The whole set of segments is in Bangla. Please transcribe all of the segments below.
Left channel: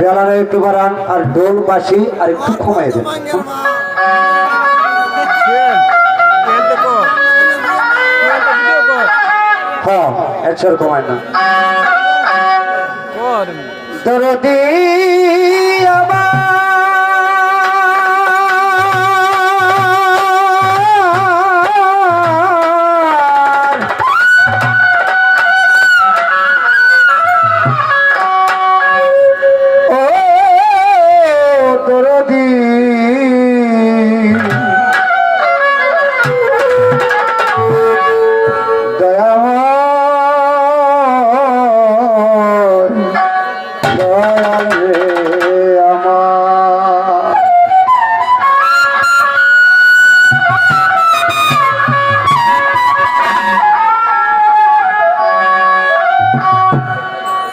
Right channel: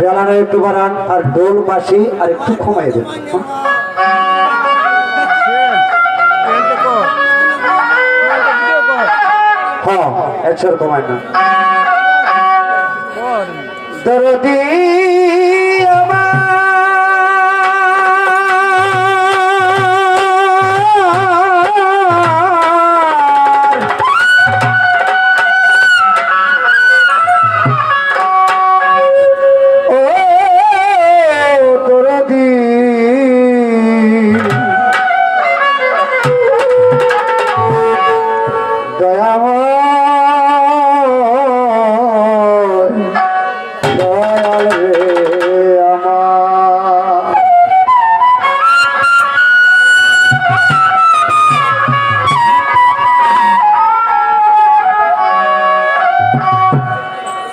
বেলারে একটু বাড়ান আর ঢোল বাঁশি আর একটু কমাই দেন। হ্যাঁ একশো কমাই না দরদি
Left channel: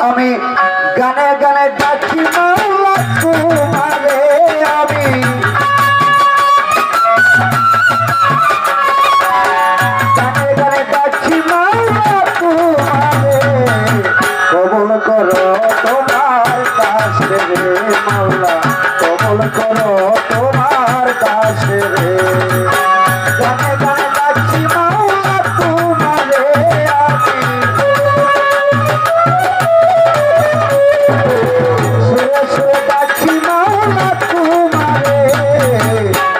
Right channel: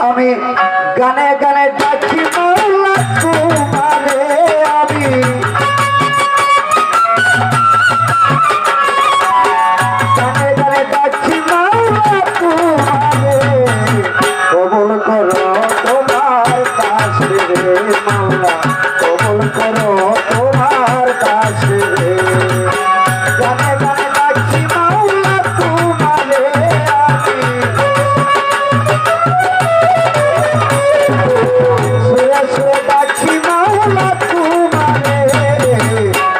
আমি গানে গানে ডাকি মাওলা তোমারে আমি গানে গানে ডাকি মাওলা তোমারে কবুল করো তোমার কাছে রে মাওলা কবুল করো তোমার কাছে রে গানে গানে ডাকি মাওলা তোমারে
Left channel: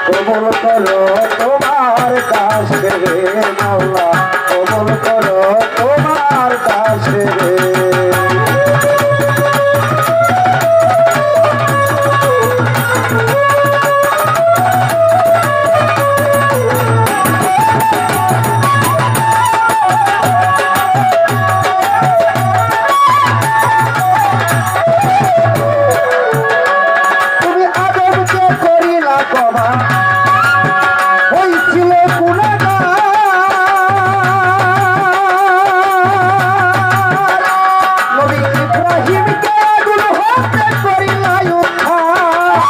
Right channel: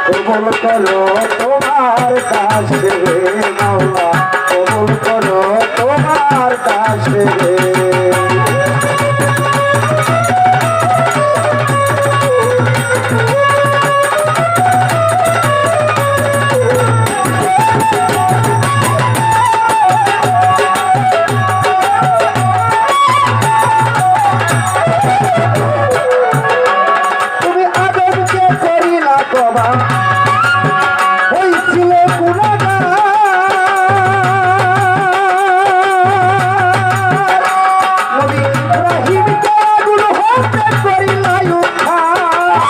কবুল করো তোমার কাছে রে মাওলা কবুল করো তোমার কাছে রে তুমি আদবকে করিলা কবা হইছিল গুনাহগার নবী ইব্রাহিমকে আগুন হত্যা করিলা উদ্ধার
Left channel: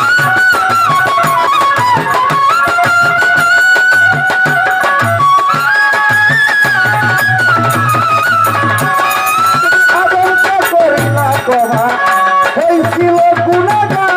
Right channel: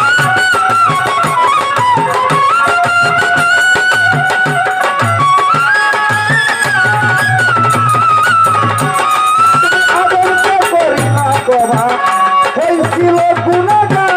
আদবকে করিলা কবা হইছিল গুনাহগার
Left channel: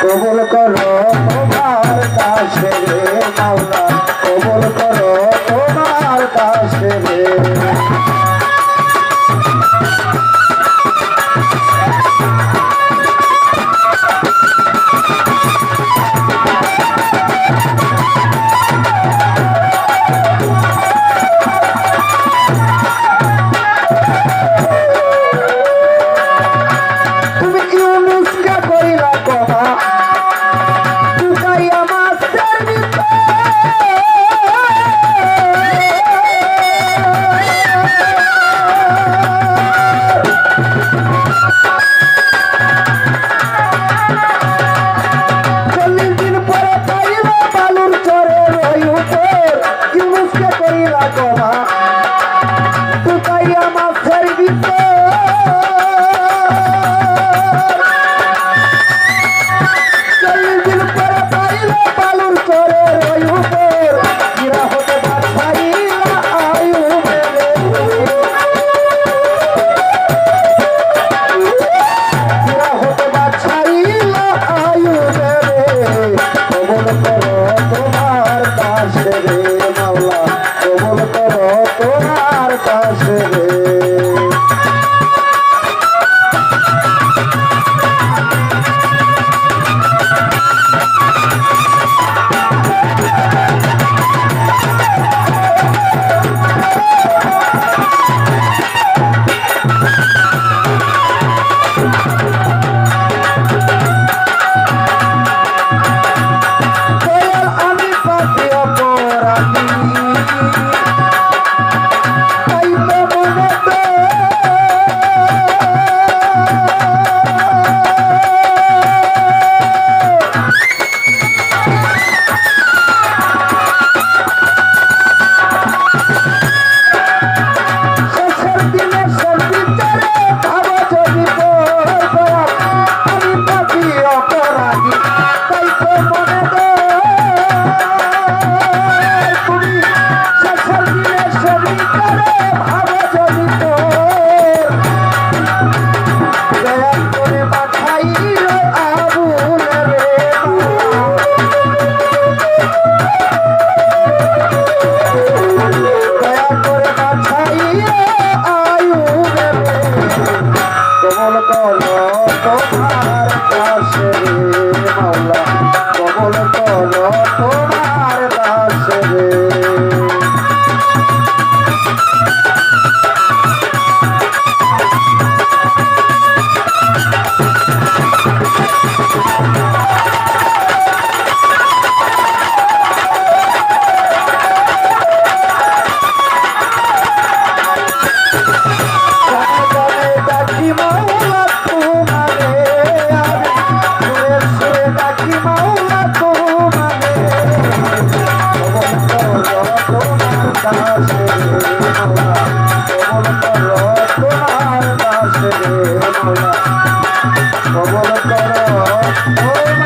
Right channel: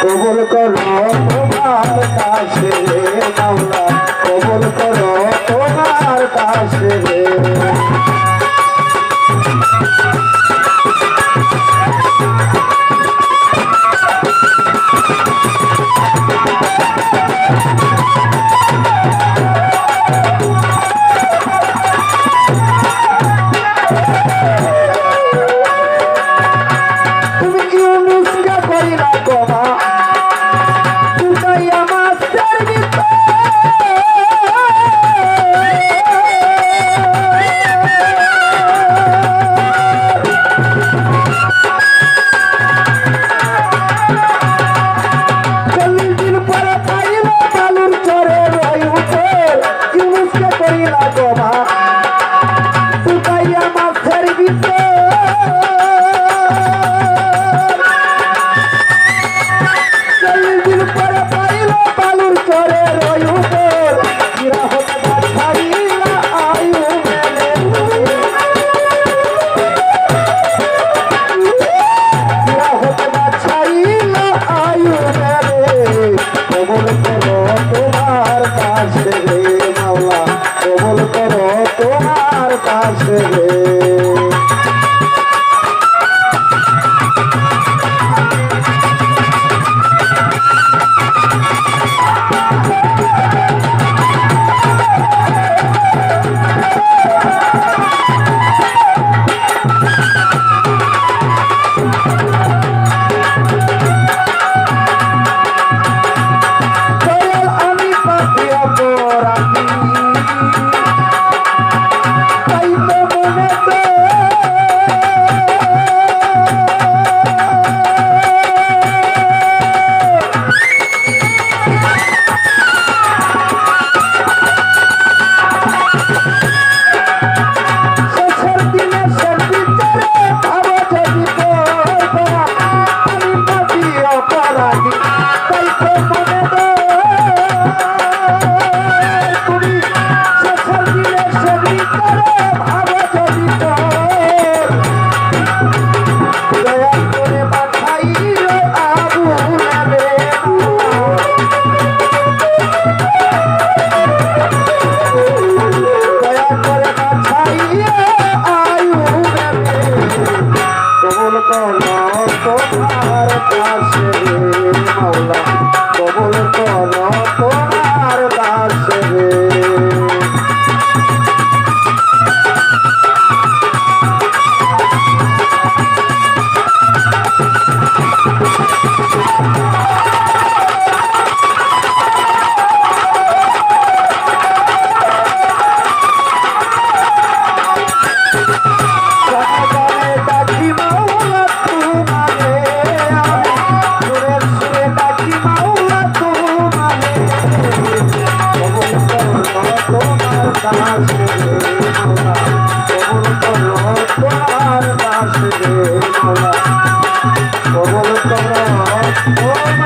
কবুল করো তোমার কাছে রে মাওলা কবুল করো তোমার কাছে রে তুমি ইউনুসকে করিলা কবা তুকাইয়া মাছের ভিতর চল্লিশ দিন পরে পাইল বালুর চরে ওই উপর ইউনুসকে করিলা কবা তুকাইয়া মাছের ভিতর তোমার কাছে রে আমি পাপি অপরাধী তুমি শেষের দিনে সবই করে ভালো যদি দয়া করে পাঠাইও আবুলারে দয়া করে পাঠাইও আয়ুরে কবল করো তোমার কাছে মাওলা কবল করো তোমার কাছে কবল করো তোমার